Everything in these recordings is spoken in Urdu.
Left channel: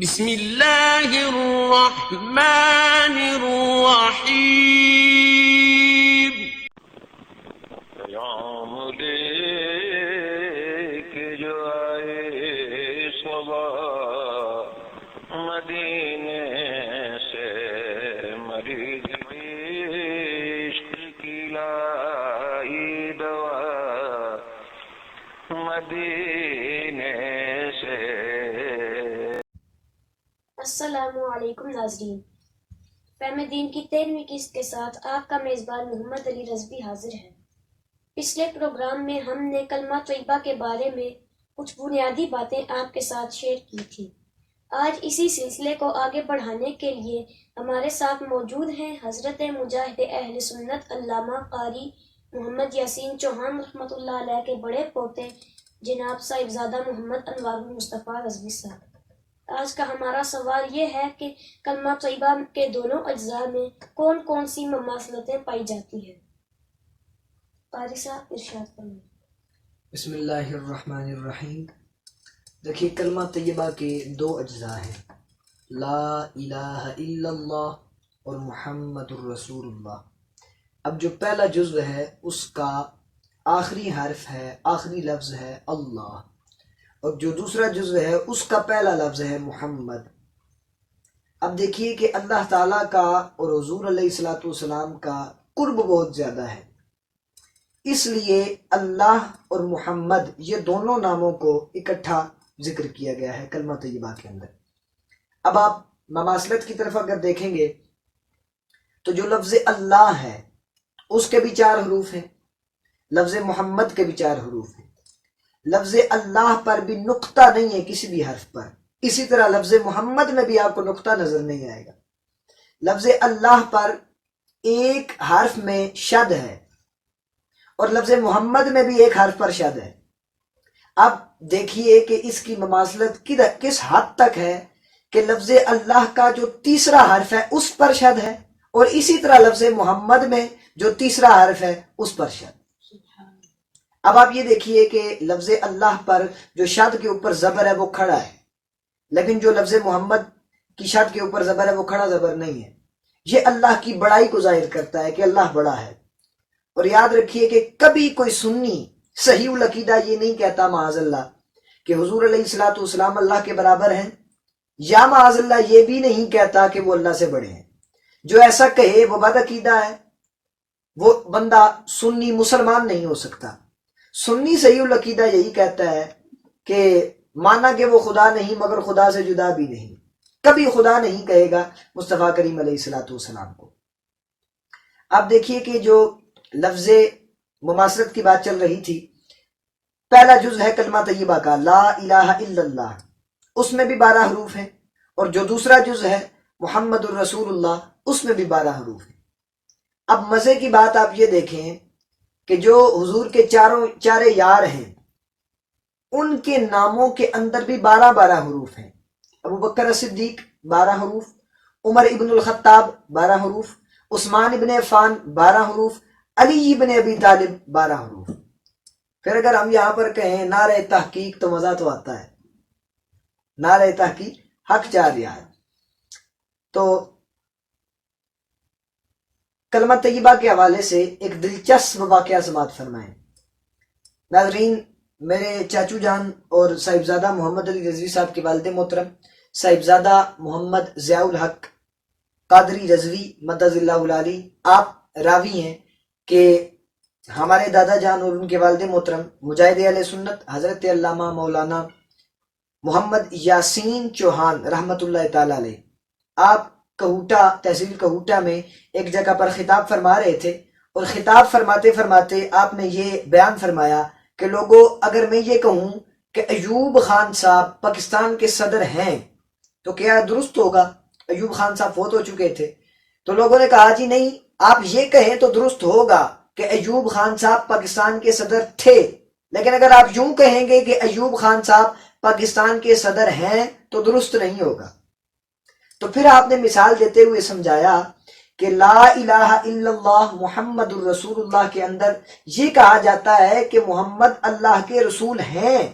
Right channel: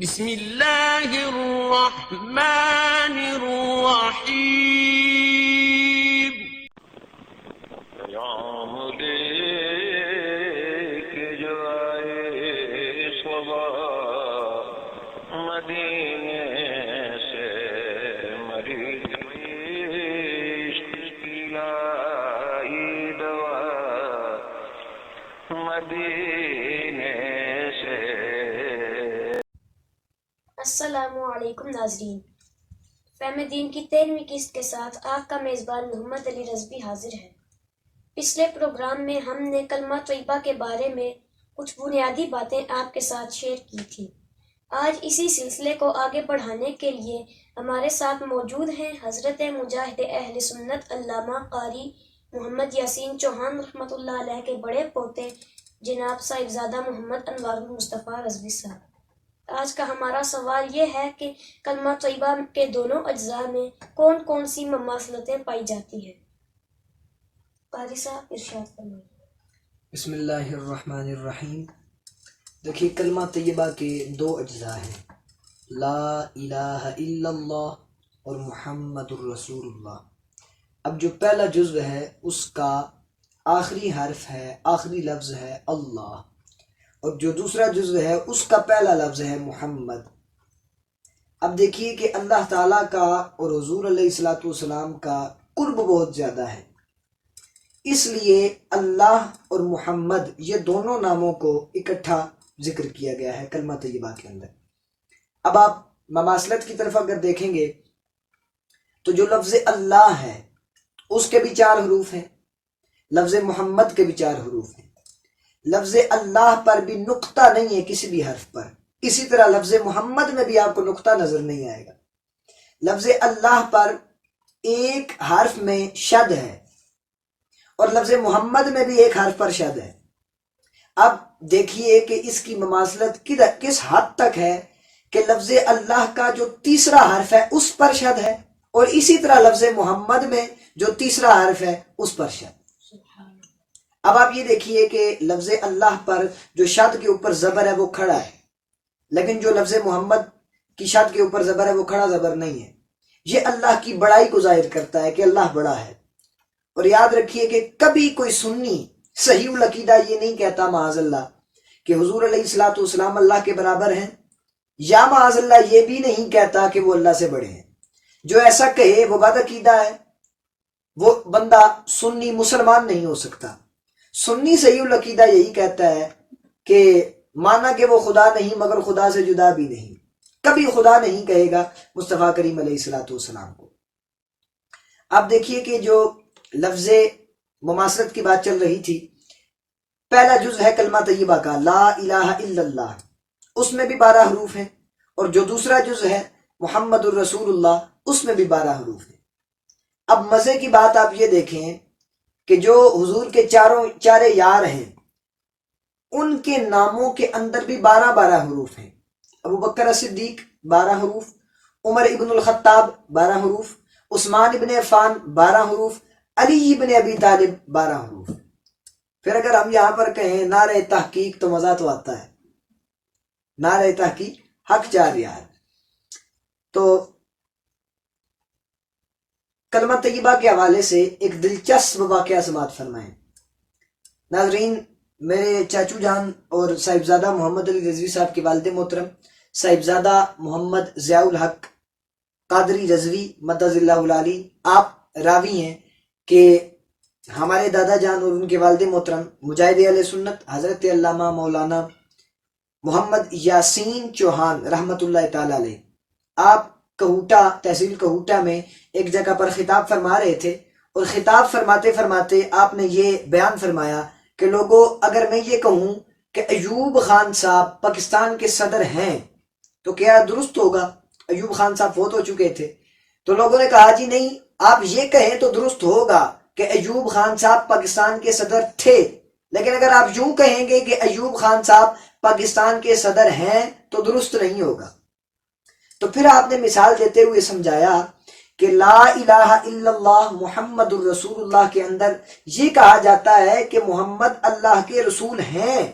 بسم اللہ الرحمن الرحیم۔ پیام لے کے جو آئے صبا مدینے سے، مریض عشق کی لائی دوا مدینے سے۔ السلام علیکم ناظرین، فہم دین کی 13ویں قسط کے ساتھ آپ کا میزبان محمد علی رضوی حاضر ہے۔ پچھلے پروگرام میں ہم نے کلمہ طیبہ کے بارے میں کچھ بنیادی باتیں آپ کے ساتھ شیئر کی تھی۔ آج اسی سلسلے کو آگے بڑھانے کے لیے ہمارے ساتھ موجود ہیں حضرت مجاہد اہل سنت علامہ قاری محمد یاسین چوہان رحمۃ اللہ علیہ کے بڑے پوتے جناب صاحبزادہ محمد انوار المصطفیٰ رضوی صاحب۔ آج کا ہمارا سوال یہ ہے کہ کلمہ طیبہ کے دونوں اجزاء میں کون کون سی مماثلتیں پائی جاتی ہیں؟ قاری صاحب ارشاد فرمائیں۔ بسم اللہ الرحمن الرحیم۔ دیکھیے، کلمہ طیبہ کے دو اجزاء ہیں، لا الہ الا اللہ اور محمد الرسول اللہ۔ اب جو پہلا جزو ہے اس کا آخری حرف ہے، آخری لفظ ہے اللہ، اور جو دوسرا جزو ہے اس کا پہلا لفظ ہے محمد۔ اب دیکھیے کہ اللہ تعالیٰ کا اور حضور علیہ الصلوۃ والسلام کا قرب بہت زیادہ ہے، اس لیے اللہ اور محمد یہ دونوں ناموں کو اکٹھا ذکر کیا گیا ہے کلمہ طیبہ کے اندر۔ اب آپ مماثلت کی طرف اگر دیکھیں گے تو جو لفظ اللہ ہے اس کے بھی 4 حروف ہیں، لفظ محمد کے بھی 4 حروف ہیں، لفظ اللہ پر بھی نقطہ نہیں ہے کسی بھی حرف پر، اسی طرح لفظ محمد میں بھی آپ کو نقطہ نظر نہیں آئے گا۔ لفظ اللہ پر ایک حرف میں شد ہے اور لفظ محمد میں بھی ایک حرف پر شد ہے۔ اب دیکھیے کہ اس کی مماثلت کس حد تک ہے کہ لفظ اللہ کا جو تیسرا حرف ہے اس پر شد ہے، اور اسی طرح لفظ محمد میں جو تیسرا حرف ہے اس پر شد۔ اب آپ یہ دیکھیے کہ لفظ اللہ پر جو شد کے اوپر زبر ہے وہ کھڑا ہے، لیکن جو لفظ محمد کی شد کے اوپر زبر ہے وہ کھڑا زبر نہیں ہے۔ یہ اللہ کی بڑائی کو ظاہر کرتا ہے کہ اللہ بڑا ہے۔ اور یاد رکھیے کہ کبھی کوئی سنی صحیح العقیدہ یہ نہیں کہتا معاذ اللہ کہ حضور علیہ الصلوۃ والسلام اللہ کے برابر ہیں، یا معاذ اللہ یہ بھی نہیں کہتا کہ وہ اللہ سے بڑے ہیں۔ جو ایسا کہے وہ بد عقیدہ ہے، وہ بندہ سنی مسلمان نہیں ہو سکتا۔ سنی صحیح العقیدہ یہی کہتا ہے کہ مانا کہ وہ خدا نہیں مگر خدا سے جدا بھی نہیں، کبھی خدا نہیں کہے گا مصطفیٰ کریم علیہ الصلوۃ والسلام کو۔ اب دیکھیے کہ جو لفظ مماثلت کی بات چل رہی تھی، پہلا جز ہے کلمہ طیبہ کا لا الہ الا اللہ، اس میں بھی 12 حروف ہیں، اور جو دوسرا جز ہے محمد الرسول اللہ اس میں بھی 12 حروف ہیں۔ اب مزے کی بات آپ یہ دیکھیں کہ جو حضور کے چارے یار ہیں ان کے ناموں کے اندر بھی 12 حروف ہیں۔ ابو بکر صدیق 12 حروف، عمر ابن الخطاب 12 حروف، عثمان ابن عفان 12 حروف، علی ابن ابی طالب 12 حروف۔ پھر اگر ہم یہاں پر کہیں نعرہ تحقیق تو مزہ تو آتا ہے، نعرہ تحقیق حق 4 یار۔ تو کلمہ طیبہ کے حوالے سے ایک دلچسپ واقعہ سماعت فرمائیں۔ ناظرین، میرے چاچو جان اور صاحبزادہ محمد علی رضوی صاحب کے والد محترم صاحبزادہ محمد ضیاء الحق قادری رضوی مدد اللہ العالی، آپ راوی ہیں کہ ہمارے دادا جان اور ان کے والد محترم مجاہد اہل سنت حضرت علامہ مولانا محمد یاسین چوہان رحمۃ اللہ تعالی علیہ، آپ کہوٹا تحصیل کہوٹا میں ایک جگہ پر خطاب فرما رہے تھے، اور خطاب فرماتے فرماتے آپ نے یہ بیان فرمایا کہ لوگوں، اگر میں یہ کہوں کہ ایوب خان صاحب پاکستان کے صدر ہیں تو کیا درست ہوگا؟ ایوب خان صاحب فوت ہو چکے تھے، تو لوگوں نے کہا جی نہیں، آپ یہ کہیں تو درست ہوگا کہ ایوب خان صاحب پاکستان کے صدر تھے، لیکن اگر آپ یوں کہیں گے کہ ایوب خان صاحب پاکستان کے صدر ہیں تو درست نہیں ہوگا۔ تو پھر آپ نے مثال دیتے ہوئے سمجھایا کہ لا الہ الا اللہ محمد الرسول اللہ کے اندر یہ کہا جاتا ہے کہ محمد اللہ کے رسول ہیں،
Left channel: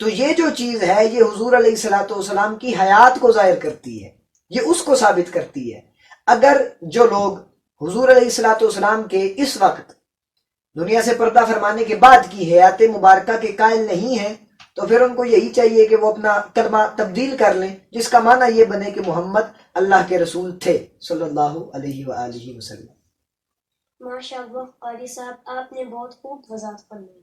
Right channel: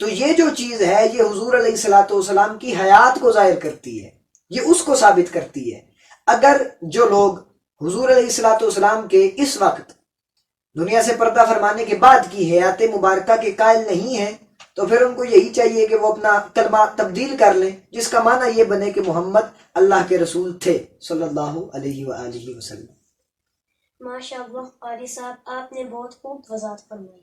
تو یہ جو چیز ہے یہ حضور علیہ الصلوۃ والسلام کی حیات کو ظاہر کرتی ہے، یہ اس کو ثابت کرتی ہے۔ اگر جو لوگ حضور علیہ الصلوۃ والسلام کے اس وقت دنیا سے پردہ فرمانے کے بعد کی حیات مبارکہ کے قائل نہیں ہیں تو پھر ان کو یہی چاہیے کہ وہ اپنا کلمہ تبدیل کر لیں، جس کا معنی یہ بنے کہ محمد اللہ کے رسول تھے صلی اللہ علیہ وآلہ وسلم۔ ماشاء اللہ قاری صاحب، آپ نے بہت خوب وضاحت فرمائی۔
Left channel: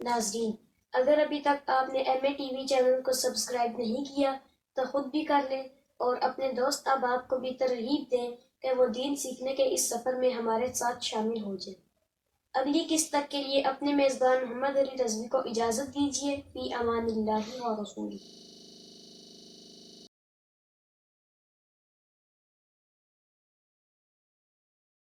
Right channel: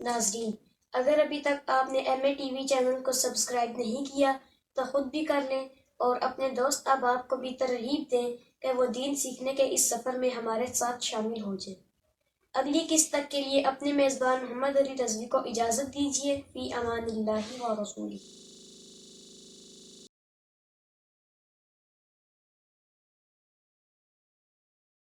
ناظرین، اگر ابھی تک آپ نے M A T V channel کو سبسکرائب نہیں کیا تو خود بھی کر لیں اور اپنے دوست احباب کو بھی ترغیب دیں کہ وہ دین سیکھنے کے اس سفر میں ہمارے ساتھ شامل ہو جائیں۔ اگلی قسط تک کے لیے اپنے میزبان محمد علی رضوی کو اجازت دیجیے۔ فی امان اللہ و رسولہ۔